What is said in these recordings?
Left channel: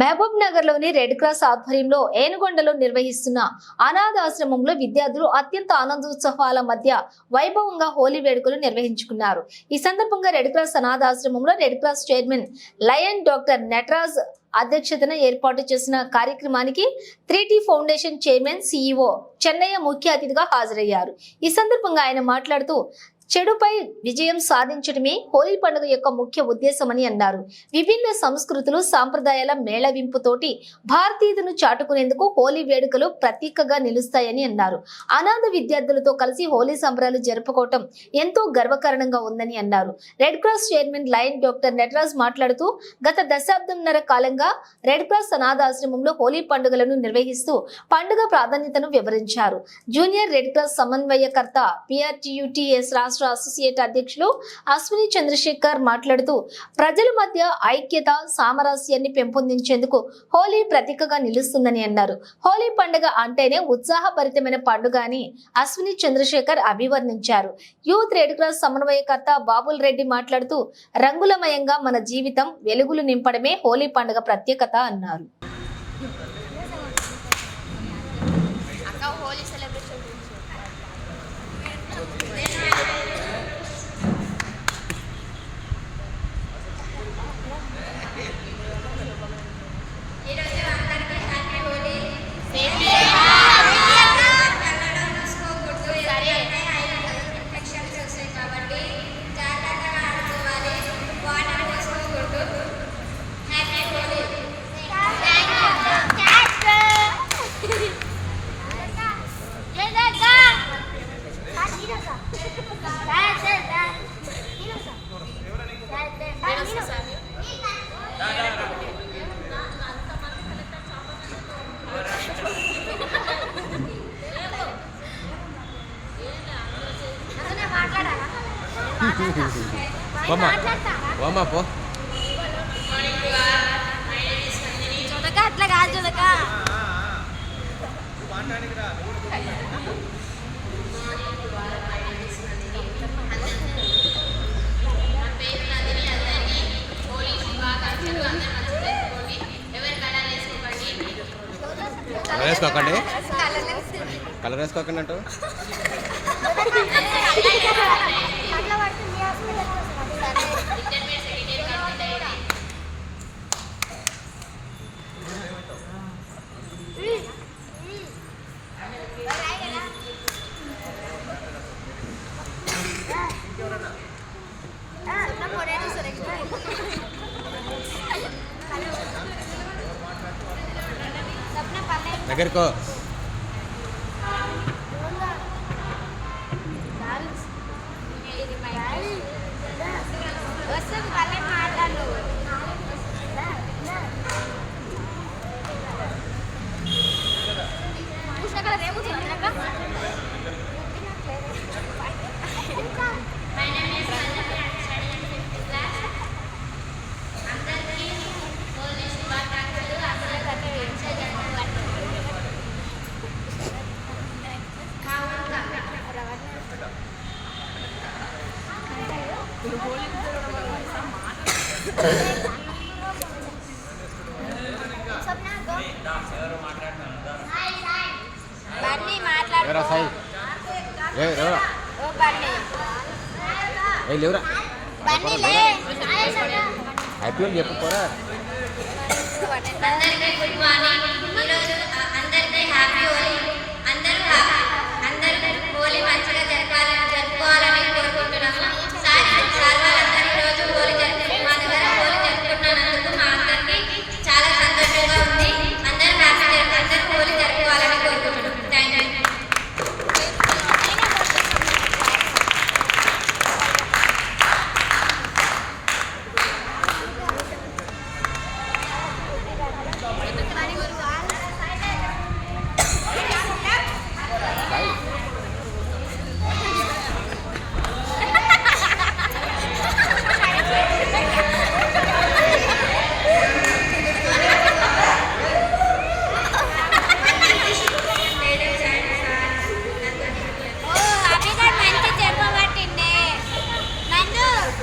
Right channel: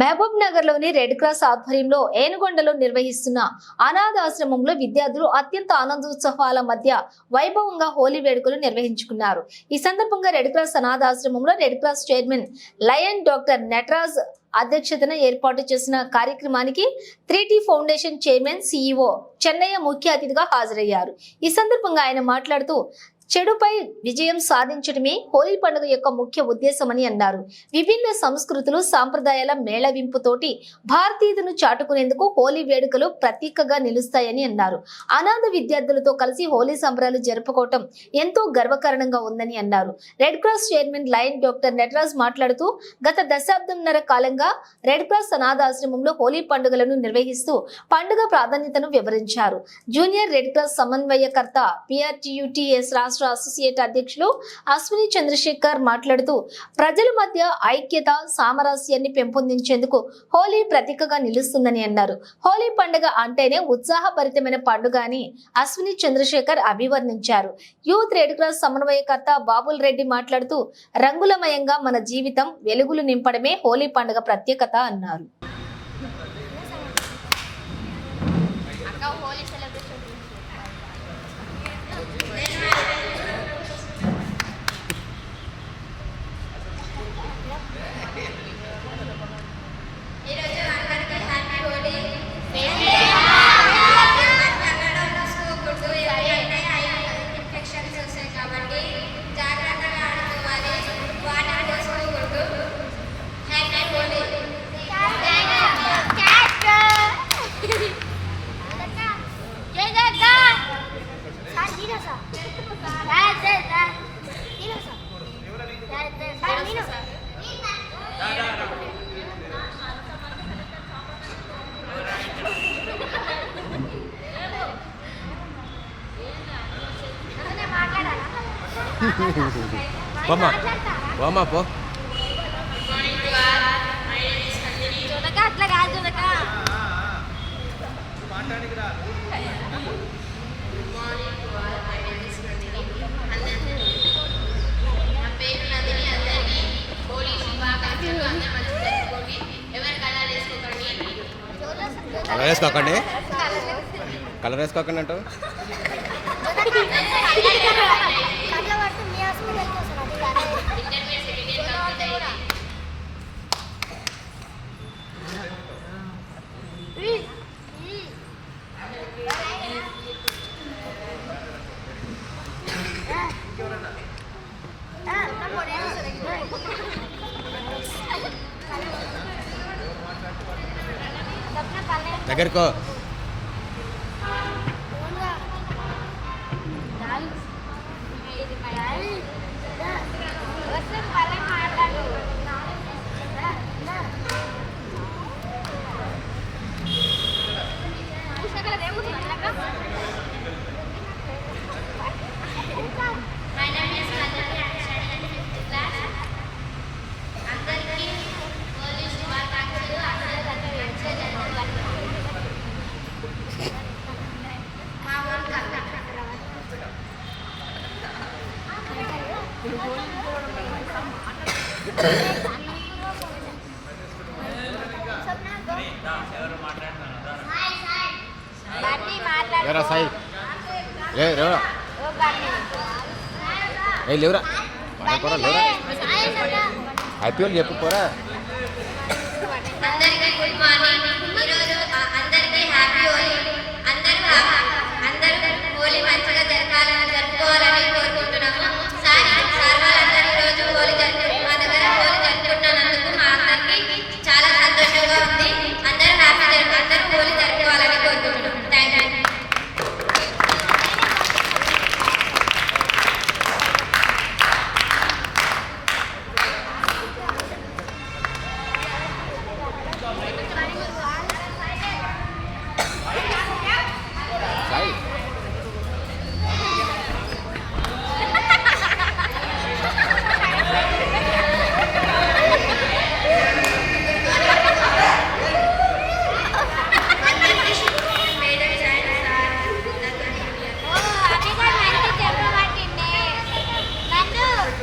మహబూబ్ నగర్లోని red cross ఆధ్వర్యంలో ఏనుగొండలో నిర్వహిస్తున్న అనాథాశ్రమంలో విద్యార్థులు అత్యంత ఆనందోత్సవాల మధ్య వైభవంగా హోలీ వేడుకలు నిర్వహించుకున్నారు. ఈ సందర్భంగా red cross అనాథాశ్రమంలో red cross chairman lion doctor Nataraj అధ్యక్షతన ఏర్పాటు చేసిన కార్యక్రమానికి three foundation chairman CEO Chennaiah ముఖ్య అతిథిగా హాజరయ్యారు. ఈ సందర్భంగా ఆయన మాట్లాడుతూ చెడుపై విజయం సాధించడమే హోలీ పండుగ యొక్క ముఖ్య ఉద్దేశమని అన్నారు. విభిన్న సంస్కృతులు సాంప్రదాయాల మేళవింపుతోటి భారతీయులను చాటుకునేందుకు హోలీ వేడుకలు ప్రతీకగా నిలుస్తాయని అన్నారు. అనాథ విద్యార్థులతో కలిసి హోలీ సంబరాలు జరుపుకోవటం ఎంతో గర్వకారణంగా ఉందని అన్నారు. Red cross chairman lion doctor Nataraj మాట్లాడుతూ గత దశాబ్దంన్నర కాలంగా రెడ్ క్రాస్ అనాథాశ్రమంలో హోలీ పండుగలను నిర్వహిస్తూ పండుగ ప్రాధాన్యతను వివరించారు. జూనియర్ రెడ్ క్రాస్ సమన్వయకర్త పిఆర్టీయుటిఎస్ రాష్ట్ర అసోసియేట్ అధ్యక్షులు అశ్విని చంద్రశేఖర్ మాట్లాడుతూ ప్రజల మధ్య ఐక్యత సామరస్యాన్ని పెంపొందించేందుకు హోలీ ప్రతీకగా నిలుస్తుందని అన్నారు. హోలీ పండుగ అంటేనే ఉత్సాహభరితమైన పండుగ అని అశ్విని చంద్రశేఖర్ అభివర్ణించారు. యూత్ రెడ్ క్రాస్ సమన్వయకర్త బాబుల్ రెడ్డి మాట్లాడుతూ రంగులమయంగా మన జీవితం వెలుగులు నింపడమే హోలీ పండుగ ప్రత్యేకత అన్నారు. ఎవరు కళాలు వేసుకోకండి కలర్ వేసుకోకండి. కలర్ వేసుకోకండి అంటావు. దగ్గరకో. అందరికీ హోలీ శుభాకాంక్షలు అందరూ గట్టిగా వేసే జరుపుకోండి మా ఊరు బన్నీ ఎవరా సాయి ఏ ఏ లేవురా చెప్పుకోరా అందరికీ గుడ్ మార్నింగ్ ఈరోజు అందరికీ హ్యాపీ హోలీ అందరూ అందరూ హోలీ మంచిగా జరగాలని జరుపుకోవాలని కోరుకుంటున్నాము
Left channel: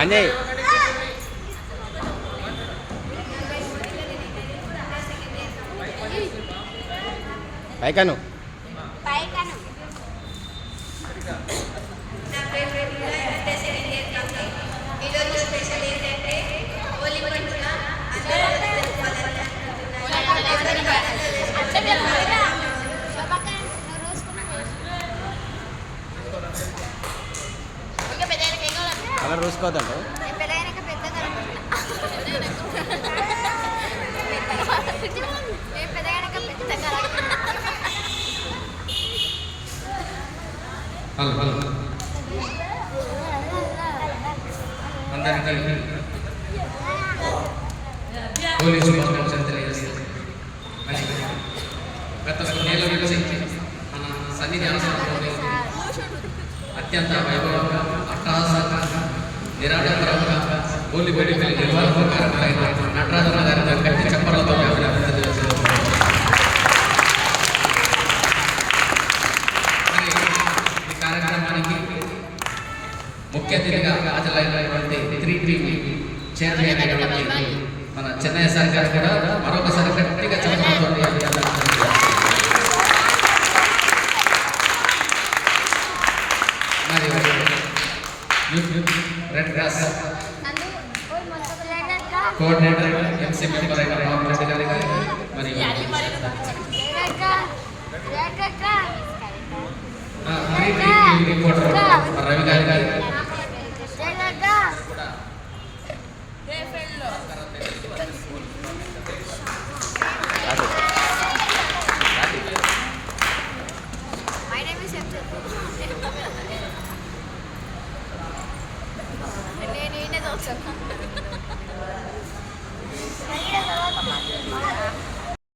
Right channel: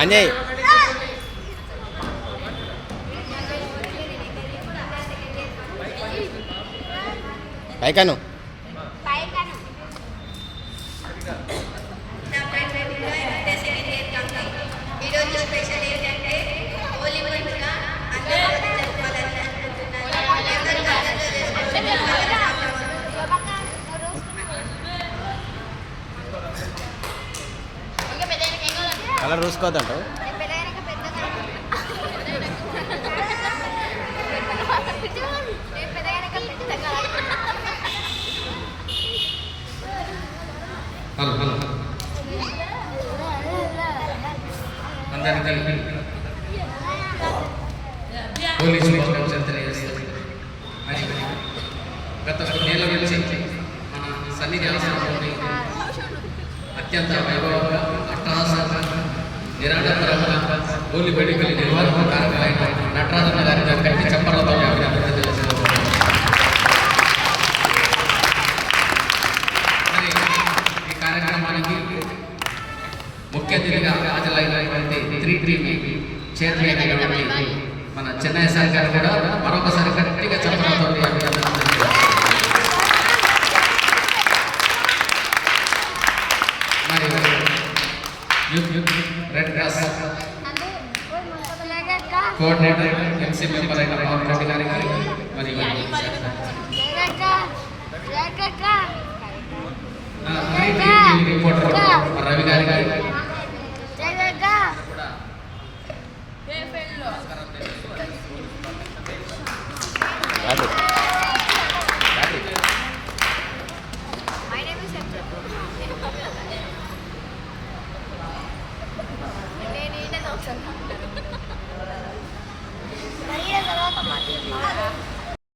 అంజయ్ పైకాను. పైకాను ఈరోజు స్పెషల్ ఏంటంటే హోలీ పండుగ అందరూ జరుపుకోవాలని అనుకుంటున్నారు అందరూ బట్టలు కలర్ చూసుకోవద్దంట హలో హలో. అందరికీ పోలీసు శుభాకాంక్షలు తెలియజేస్తారు గత కొన్నేళ్ళ నుంచి మన సన్నిధి ఆశ్రమంలో అత్యంత వైభవంగా నిరాడంబరమైన హోలీ వేడుకలు నిర్వహణ కార్యక్రమం నటరాజన్న గారి గట్టి చెప్పలతో ఈ కార్యక్రమానికి ముఖ్య అతిథిగా హాజరైనటువంటి త్రీ టీవీ చైర్మన్ అయినటువంటి మన చెన్నై సార్ గారు కూడా మరొకసారి గట్టిగా చెప్పడంతో మరి youth red cross coordinator MC member అయిన పవన్ రెడ్డి గారికి మరి ఆ, త్రీ టీవీ రిపోర్టర్